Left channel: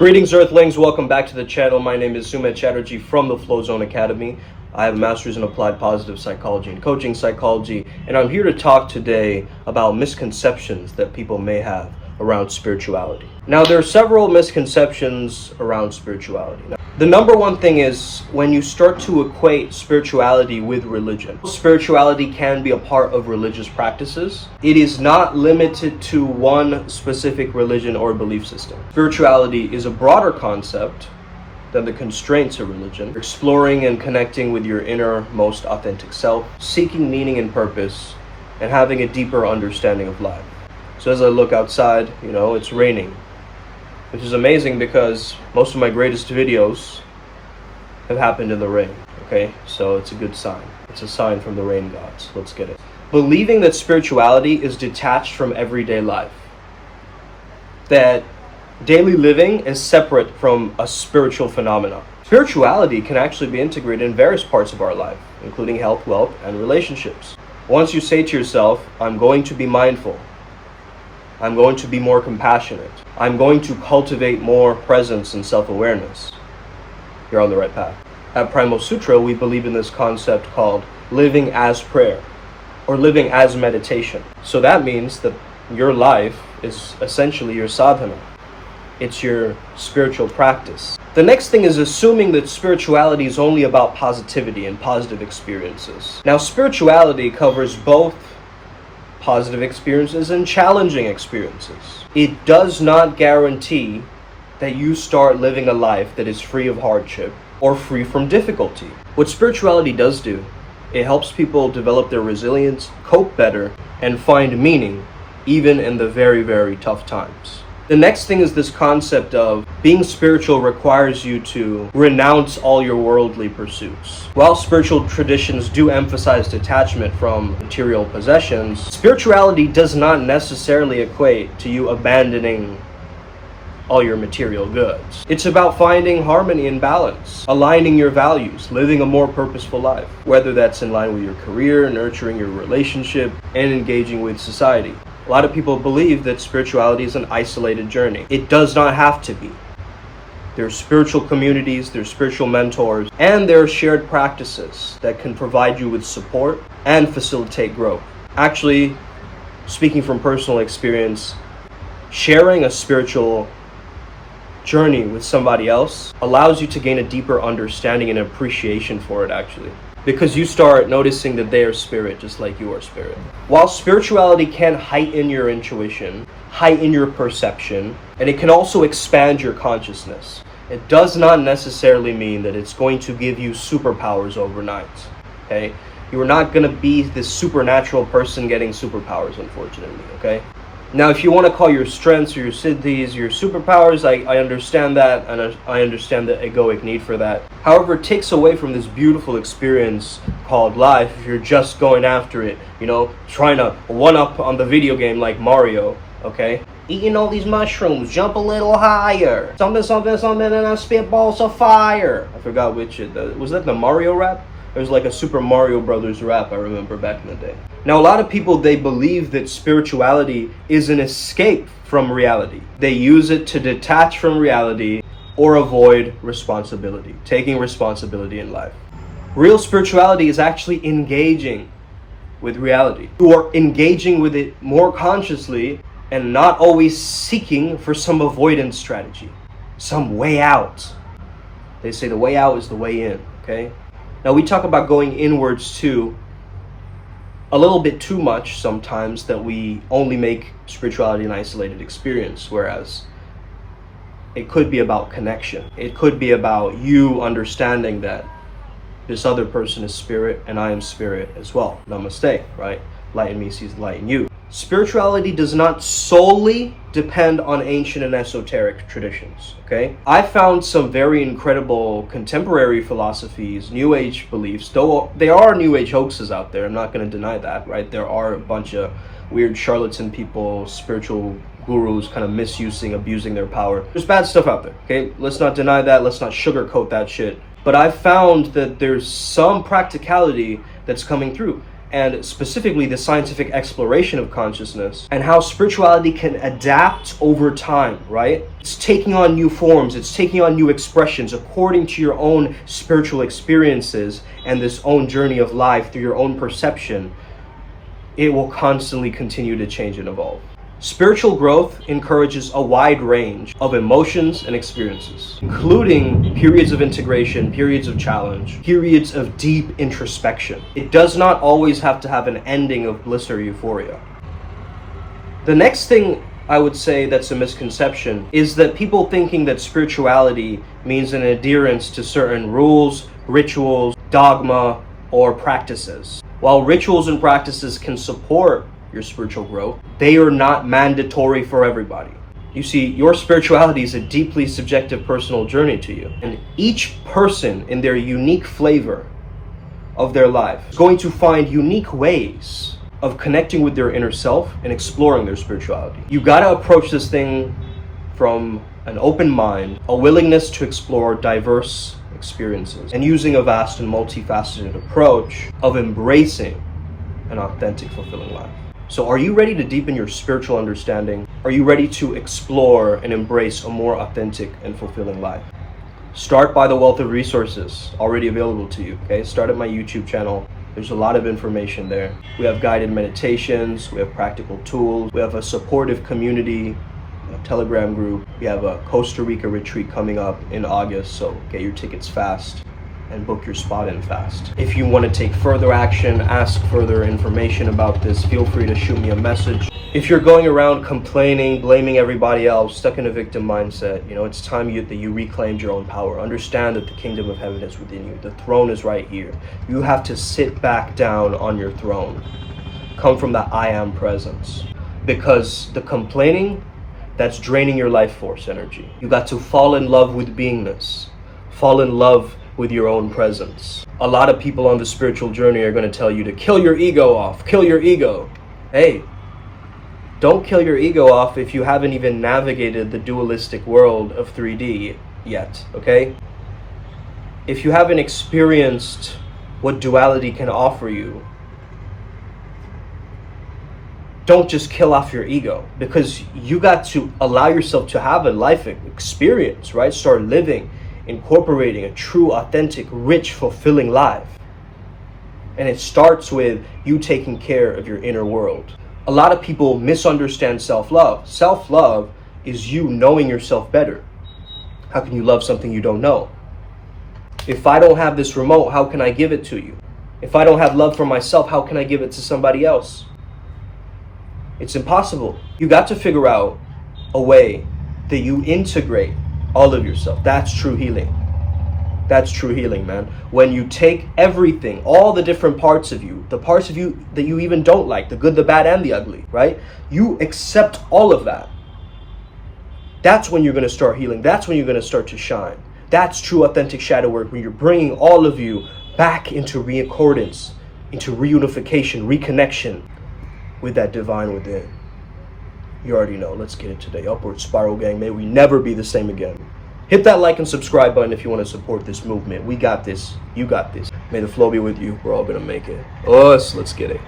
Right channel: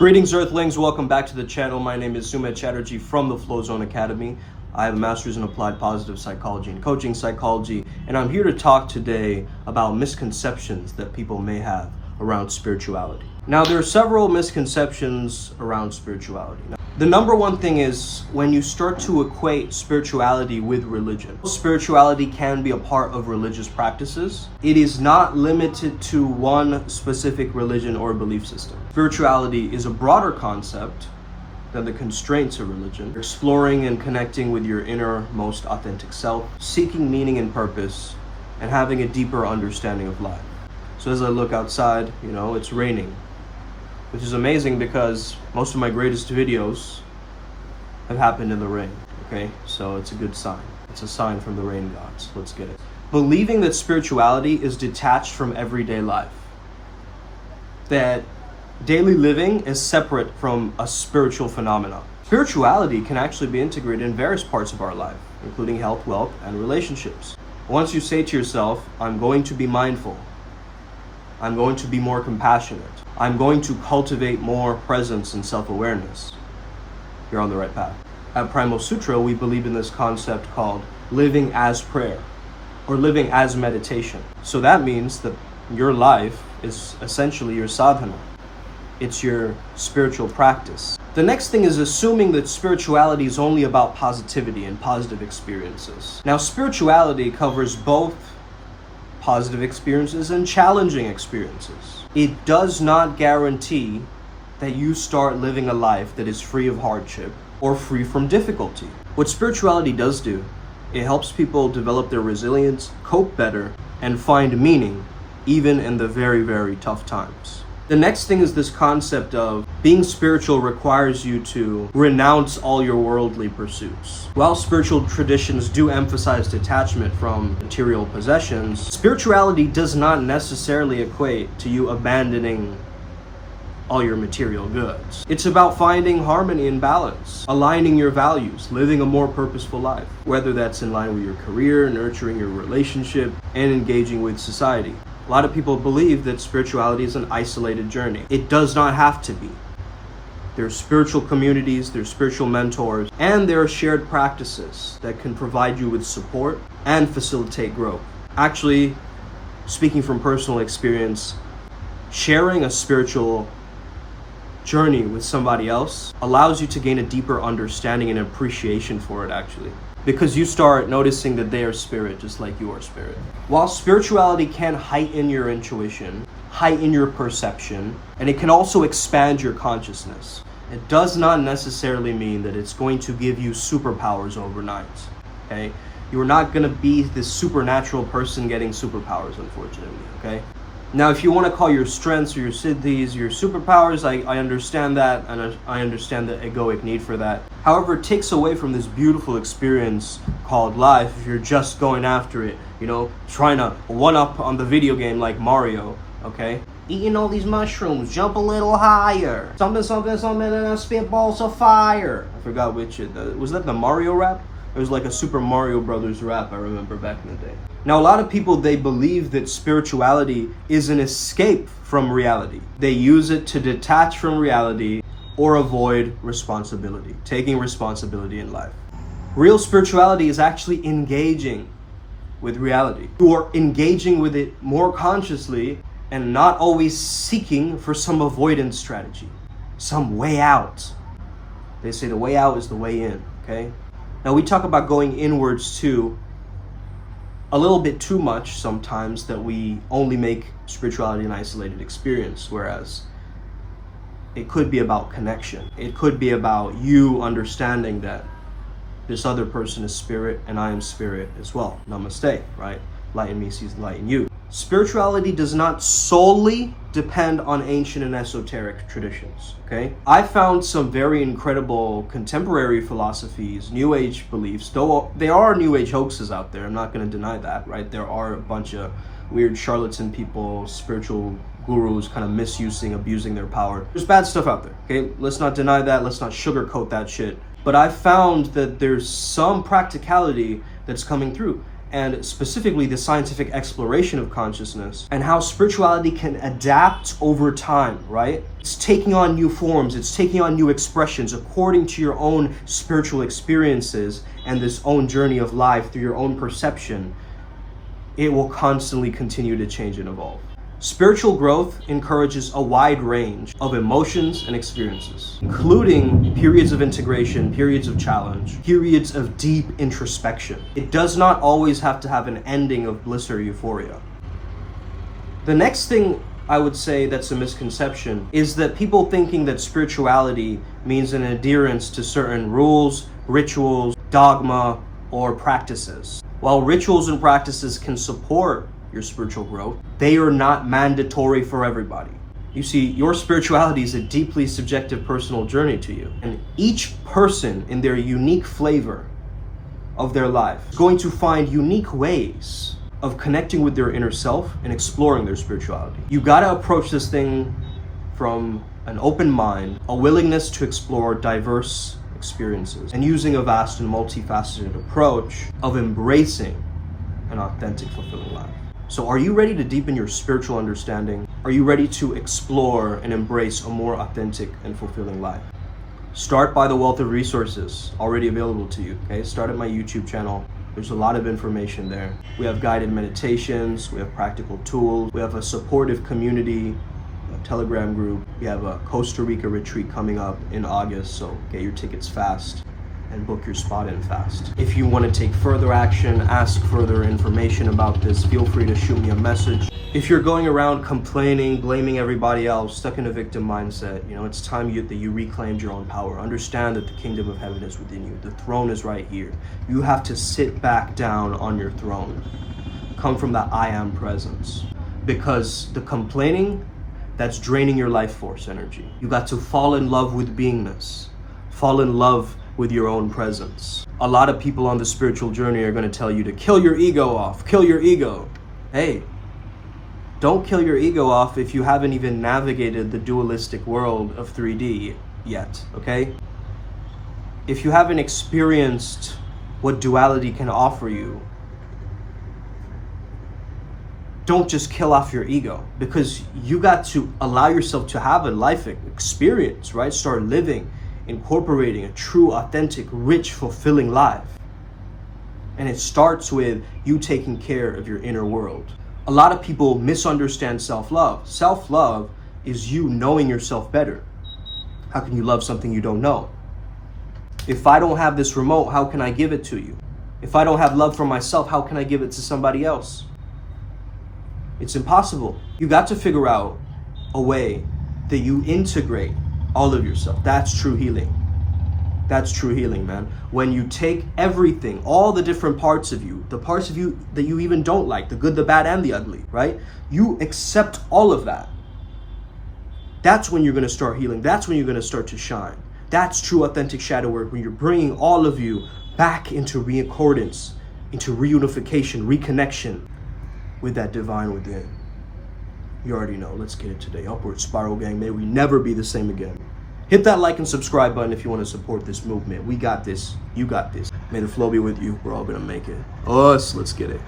Greetings Earthlings, welcome back to the channel. My name is Sumit Chatterjee from the Flow Zone Academy. I have a master's in applied positive psychology and coaching psychology, and I'm here to talk today about misconceptions that people may have around spirituality. Now, there are several misconceptions around spirituality. Now, the number one thing is when you start to equate spirituality with religion. Spirituality can be a part of religious practices. It is not limited to one specific religion or belief system. Spirituality is a broader concept than the constraints of religion. Exploring and connecting with your inner, most authentic self, seeking meaning and purpose, and having a deeper understanding of life. So as I look outside, it's raining, which is amazing because most of my greatest videos have happened in the rain, okay? So it's a good sign. It's a sign from the rain gods. Let's get it. Believing that spirituality is detached from everyday life. That daily living is separate from a spiritual phenomenon. Spirituality can actually be integrated in various parts of our life, including health, wealth, and relationships. Once you say to yourself, I'm going to be mindful, I'm going to be more compassionate, I'm going to cultivate more presence and self-awareness, you're on the right path. At Primal Sutra, we believe in this concept called living as prayer or living as meditation. So that means that your life is essentially your sadhana. It's your spiritual practice. The next thing is assuming that spirituality is only about positivity and positive experiences. Now, spirituality covers both positive experiences and challenging experiences. It does not guarantee that you start living a life that is free of hardship or free from difficulty. What spirituality does do, it helps people develop their resilience, cope better, and find meaning even in the very, very tough times. The next thing is this concept of being spiritual requires you to renounce all your worldly pursuits. While spiritual traditions do emphasize detachment from material possessions, spirituality does not necessarily equate to you abandoning all your material goods. It's about finding harmony and balance, aligning your values, living a more purposeful life, whether that's in line with your career, nurturing your relationship, and engaging with society. A lot of people believe that spirituality is an isolated journey. It does not have to be. There are spiritual communities, there are spiritual mentors, and there are shared practices that can provide you with support and facilitate growth. Actually, speaking from personal experience, sharing a spiritual journey with somebody else allows you to gain a deeper understanding and appreciation for it, actually. Because you start noticing that they are spirit just like you are spirit. While spirituality can heighten your intuition, heighten your perception, and it can also expand your consciousness, it does not necessarily mean that it's going to give you superpowers overnight, okay? You are not going to be this supernatural person getting superpowers, unfortunately, okay? Now, if you want to call your strengths or your siddhis your superpowers, I understand that, and I understand the egoic need for that. However, it takes away from this beautiful experience called life if you're just going after it, trying to one-up on the video game like Mario, okay? Eating all these mushrooms, jump a little higher, something, and then spitballs of fire. I forgot which, was that the Mario rap? It was like a Super Mario Brothers rap, I remember back in the day. Now, a lot of people, they believe that spirituality is an escape from reality. They use it to detach from reality or avoid responsibility, taking responsibility in life. Real spirituality is actually engaging with reality. You are engaging with it more consciously and not always seeking for some avoidance strategy, some way out. They say the way out is the way in, okay? Now, we talk about going inwards too, a little bit too much sometimes, that we only make spirituality an isolated experience, whereas it could be about connection. It could be about you understanding that this other person is spirit and I am spirit as well. Namaste, right? Light in me sees the light in you. Spirituality does not solely depend on ancient and esoteric traditions, okay? I found some very incredible contemporary philosophies, New Age beliefs, though there are New Age hoaxes out there, I'm not going to deny that, right? There are a bunch of weird charlatan people, spiritual gurus kind of misusing, abusing their power. There's bad stuff out there, okay? Let's not deny that, let's not sugarcoat that shit. But I've found that there's some practicality that's coming through. and specifically the scientific exploration of consciousness and how spirituality can adapt over time, right? It's taking on new forms, it's taking on new expressions according to your own spiritual experiences and this own journey of life through your own perception. It will constantly continue to change and evolve. Spiritual growth encourages a wide range of emotions and experiences, including periods of integration, periods of challenge, periods of deep introspection. It does not always have to have an ending of bliss or euphoria. The next thing I would say that's a misconception is that people thinking that spirituality means an adherence to certain rules, rituals, dogma, or practices. While rituals and practices can support your spiritual growth, they are not mandatory for everybody. You see, your spirituality is a deeply subjective personal journey to you. And each person in their unique flavor of their life is going to find unique ways of connecting with their inner self and exploring their spirituality. You gotta approach this thing from an open mind, a willingness to explore diverse experiences, and using a vast and multifaceted approach of embracing an authentic, fulfilling life. So are you ready to deepen your spiritual understanding? Are you ready to explore and embrace a more authentic and fulfilling life? Start by the wealth of resources already available to you, okay? Start at my YouTube channel. There's a lot of information there. We have guided meditations, we have practical tools, we have a supportive community, a Telegram group. We have a Costa Rica Retreat coming up in August, so get your tickets fast and book your spot in fast. If you want to take further action, ask further information about this, feel free to shoot me a message. If you're going around complaining, blaming everybody else, stuck in a victim mindset, it's time that you reclaimed your own power. Understand that the kingdom of heaven is within you. The throne is right here. You have to sit back down on your throne. Come from that I am presence. Because the complaining, that's draining your life force energy. You got to fall in love with beingness. Fall in love with your own presence. A lot of people on the spiritual journey are going to tell you to kill your ego off, kill your ego. Hey, don't kill your ego off if you haven't even navigated the dualistic world of 3D yet, okay? If you haven't experienced what duality can offer you, don't just kill off your ego, because you got to allow yourself to have a life experience, right? Start living, incorporating a true, authentic, rich, fulfilling life. And it starts with you taking care of your inner world. A lot of people misunderstand self-love. Self-love is you knowing yourself better. How can you love something you don't know? If I don't have this remote, how can I give it to you? If I don't have love for myself, how can I give it to somebody else? It's impossible. You got to figure out a way that you integrate all of yourself. That's true healing. That's true healing, man. When you take everything, all the different parts of you, the parts of you that you even don't like, the good, the bad, and the ugly, right? You accept all of that. That's when you're going to start healing. That's when you're going to start to shine. That's true authentic shadow work, when you're bringing all of you back into reaccordance, into reunification, reconnection with that divine within. You already know. Let's get it today. Upward spiral, gang. May we never be the same again. Hit that like and subscribe button if you want to support this movement. We got this. You got this. May the flow be with you. We're all going to make it. Let's get it.